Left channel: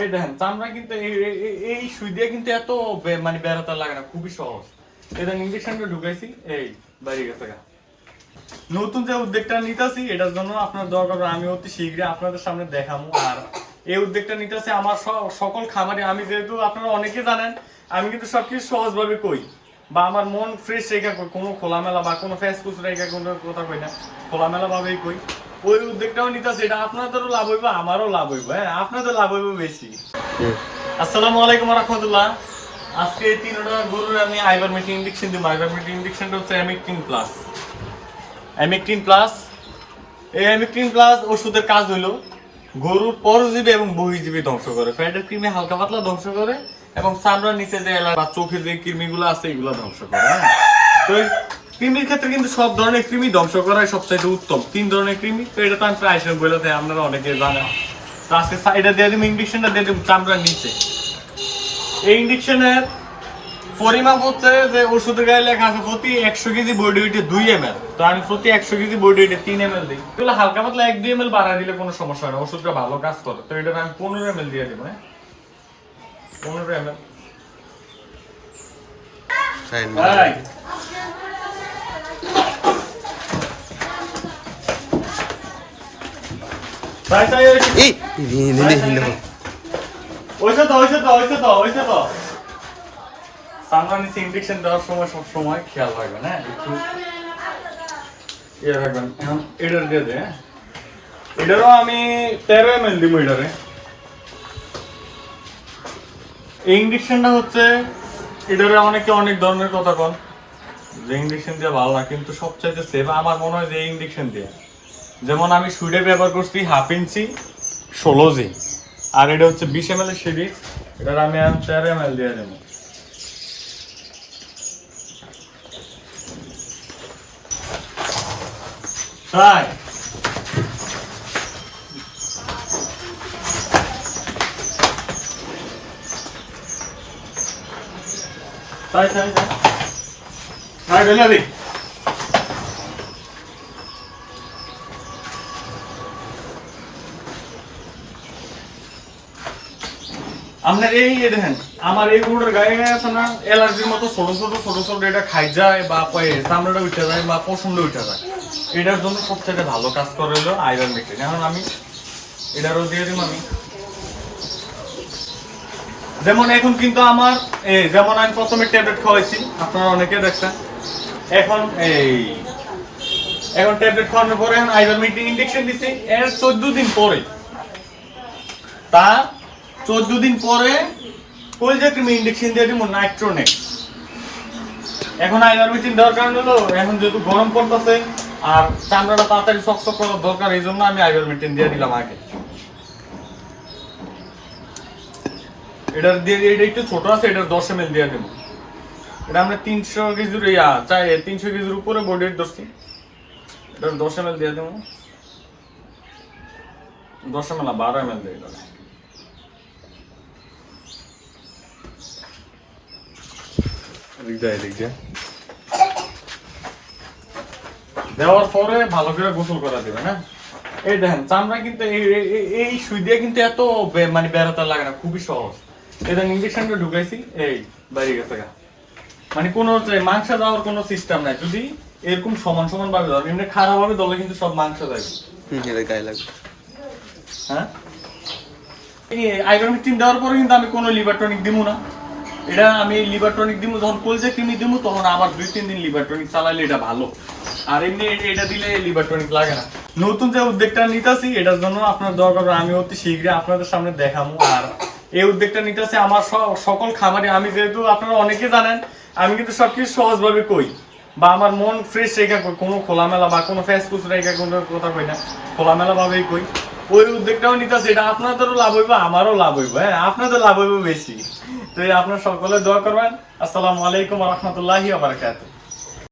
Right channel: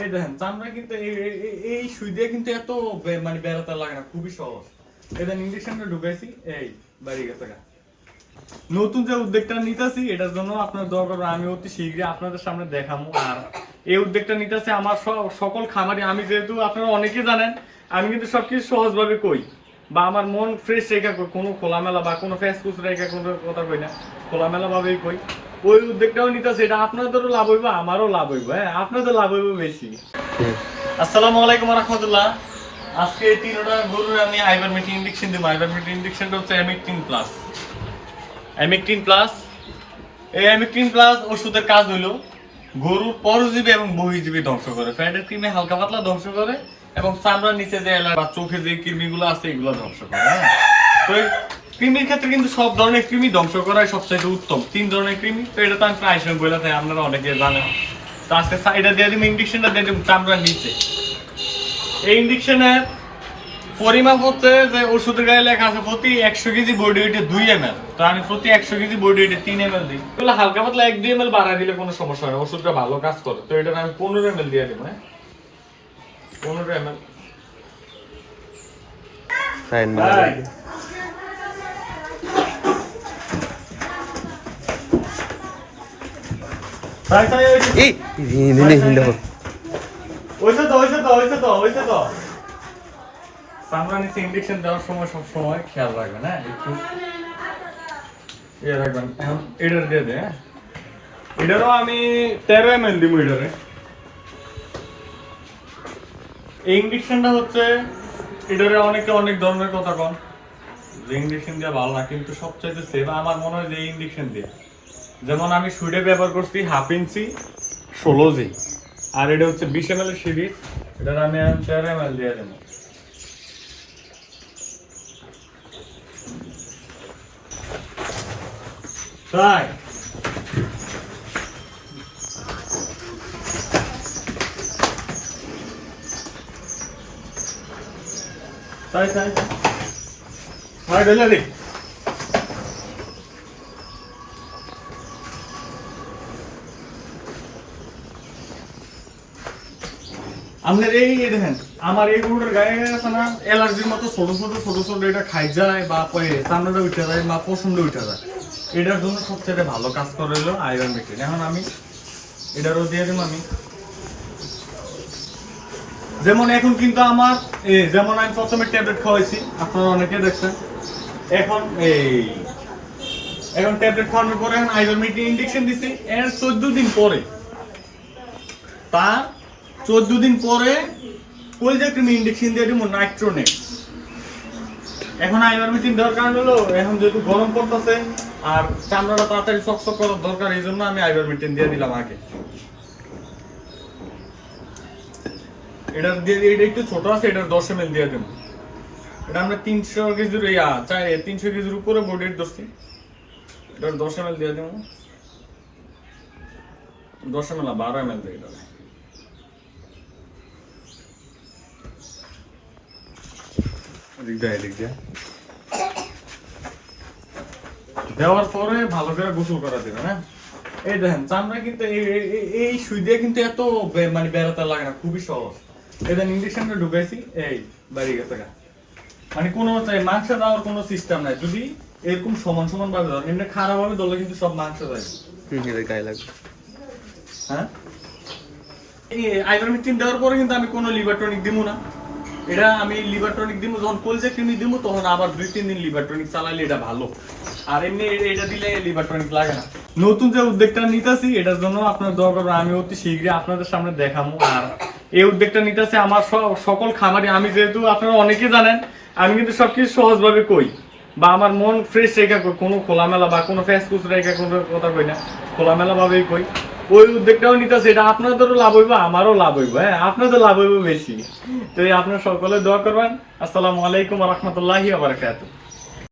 এই দেখেন চামড়া কিন্তু এই সুই দিয়ে কিন্তু এত মানে বেরোতে লাগে না, খুবই সহজ। এটা ইঞ্জেকশনটা ঢুকাইছি, এই বাইরে গেছে। নতুন যে উদ্যোগটা নিতেছি এটার জন্য আপনার দরকার, আমি অতি শীঘ্রই আপনাদের সামনে দেখাবো। আর এই উদ্যোগটা নিতেছি আমার সকল খামারে, আমি যেহেতু আপনারা অনেকে জানেন আমি কিন্তু সবকিছু সহজ ভাবে কই, বা আমার মন ফ্রেশ রেখা কই, কোনো খোলামেলা বা কোনো ফেসফুস রেখা কোনো কথা কই না, খোলামেলা ভাবেই কই। ওই উদ্যোগটাও নিতেছি, এটা আপনাদেরও লাভ হইব আমারও লাভ হইব। হ্যাঁ, আপনাদের লাভ হইব বেশি। আসসালামু আলাইকুম রাহমাতুল্লাহ। আজকে 3টা গরুর আমি আইভারমেকটিন ইনজেকশন দিব। আইভারমেকটিন ইনজেকশনটা হচ্ছে অ্যামেকটিন প্লাস। অ্যামেকটিন প্লাস, এই অ্যামেকটিন প্লাস ওষুধের কাজ হলো গরুর পরজীবী এবং বহির্জীবী ধ্বংস করে, ফ্যাটের কৃমি হালকা পাতলা ধ্বংস করে, এবং চামড়ার নিচে যে বা চোখে যে কৃমিগুলো আছে এগুলো ধ্বংস করে। হ্যাঁ, তো কৃমির ক্ষেত্রে কিন্তু সব ধরনের কৃমি ধ্বংস করাই সবচাইতে উত্তম। 3 ধরনের কৃমি, তো এটা তো আমি প্রায় সময় বলে থাকি, আপনারা অনেকে জানেন। তো আজকে সাইডে দিয়ে দিব, ইনজেকশনটা দিয়ে দিব চামড়ার নিচে। এই ইনজেকশনের পরিমাপ হচ্ছে যে ওষুধের গায়ে লেখা আছে প্রতি 100 কেজি বডি ওয়েটে 2 ml। তো আমি প্রতি 100 কেজি বডি ওয়েটে 3 ml দিই। এগুলো হালকা পাতলা 1-2 ml বাড়ায় দিলে কোনো সমস্যা হয় না, ওষুধটা ভালো কাজ করে। তো এটা আমি 15 ml দিয়ে দিব। হ্যাঁ, 15 ml। ইনজেকশন দেওয়ার সময় সব সময় খেয়াল রাখবেন। হ্যাঁ, একটু ইয়ে রাখবেন। এখন এটার দিয়ে দে, এটারও আমি 13 ml দিব। এটারে এই ইনজেকশনটা হচ্ছে, এটারে অনেকে অনেক ধরনের কথা কন যে ইনজেকশন দিয়ে ভালো না, কিন্তু সবচাইতে সেফ আমার মনে হয় যে এই ইনজেকশন দিয়ে। যেমন আমি সুইডে ব্যবহার করছি 1/2 ইঞ্চি 16G, আর এটা হচ্ছে 20 ml এর সিরিজ। এটার আমি 13 ml দিয়ে দেবো। তাই তাই তাই তাই ঢেলে দিই। আপনার এই দেখেন আমার এই গরুর গায়ে আছে না অ্যালার্জির মতো ছোট ছোট ছোট ছোট এটা খাই যায়, বা চামড়াটা উঠে যায়, বা পশমটা উঠে যায়। এটার জন্য সবচেয়ে ভালো কাজ করে হলো আইভারমেকটিন। এখন আমি এটারও দিয়ে দিব। আমি যেমন এখন কিন্তু আমার যেমন আমি প্রথমে ট্যাবলেট খাওয়াইছি, আপনারা অনেকে দেখছেন। এখন ট্যাবলেট খাওয়ানোর পরে এখন আইভারমেকটিন ইনজেকশন দিছি। এর 14 দিন পরে, তার 14 দিন পরে কলজা কৃমি ইনজেকশন দিয়ে দিব নাইট্রোনেক্স। এখন আইভারমেকটিন দেওয়ার কারণ হলো এখন যেহেতু গরম পড়তেছে আর চামড়াটা তাড়াতাড়ি চকচক করার দরকার, এই জন্য আমি আইভারমেকটিন দিয়ে দিলাম আগে। এটার দিয়ে এটা একটু ছোট আছে, এটার 10 ml দিয়ে দেবো। এটা আমরা 300 কেজির 300 কেজির উপরে বডি ওয়েট ধরছি, এটার 10 ml দিয়ে দেবো। 10 ml না 12 ml দিয়ে দেবো। দেওয়ার পরে ভালো করে গোসল করা দেবে না। এই দেখেন চামড়া কিন্তু এই সুই দিয়ে কিন্তু এত মানে বেরোতে লাগে না, খুবই সহজ। এটা ইনজেকশনটা ঢুকাইছি, এই বাইরে গেছে। মানে কোনো মাংস দেওয়ার কোনো সিস্টেম নাই। যদি এরকম সমান সমান ভাবে ধর, এমনি খারাপ ভাবে দলে কিন্তু সব মাংস যাবে। গায়ে লাগবে। হ্যাঁ, এই আইভারমেকটিন দেওয়ার পরে কিন্তু আমি কোনো লিভার টনিক দিব না। এটা আমি লিভার টনিক দিব যখন কলজা কৃমি দিব, তখন আবার 2-3 দিন লিভার টনিক চালাইলে এটা ভালো। আর এমনি এটা দিলে লিভার টনিক লাগে না। নতুন যে উদ্যোগটা নিতেছি এটার জন্য আপনার দরকার, আমি অতি শীঘ্রই আপনাদের সামনে দেখাবো। আর এই উদ্যোগটা নিতেছি আমার সকল খামারে, আমি যেহেতু আপনারা অনেকে জানেন আমি কিন্তু সবকিছু সহজ ভাবে কই, বা আমার মন ফ্রেশ রেখা কই, কোনো খোলামেলা বা কোনো ফেসফুস রেখা কোনো কথা কই না, খোলামেলা ভাবেই কই। ওই উদ্যোগটাও নিতেছি, এটা আপনাদেরও লাভ হইব আমারও লাভ হইব। হ্যাঁ, আপনাদের লাভ হইব বেশি। তো আপনারা সকলে দোয়া করবেন। আসসালামু আলাইকুম ওয়া রাহমাতুল্লাহি ওয়া বারাকাতুহু।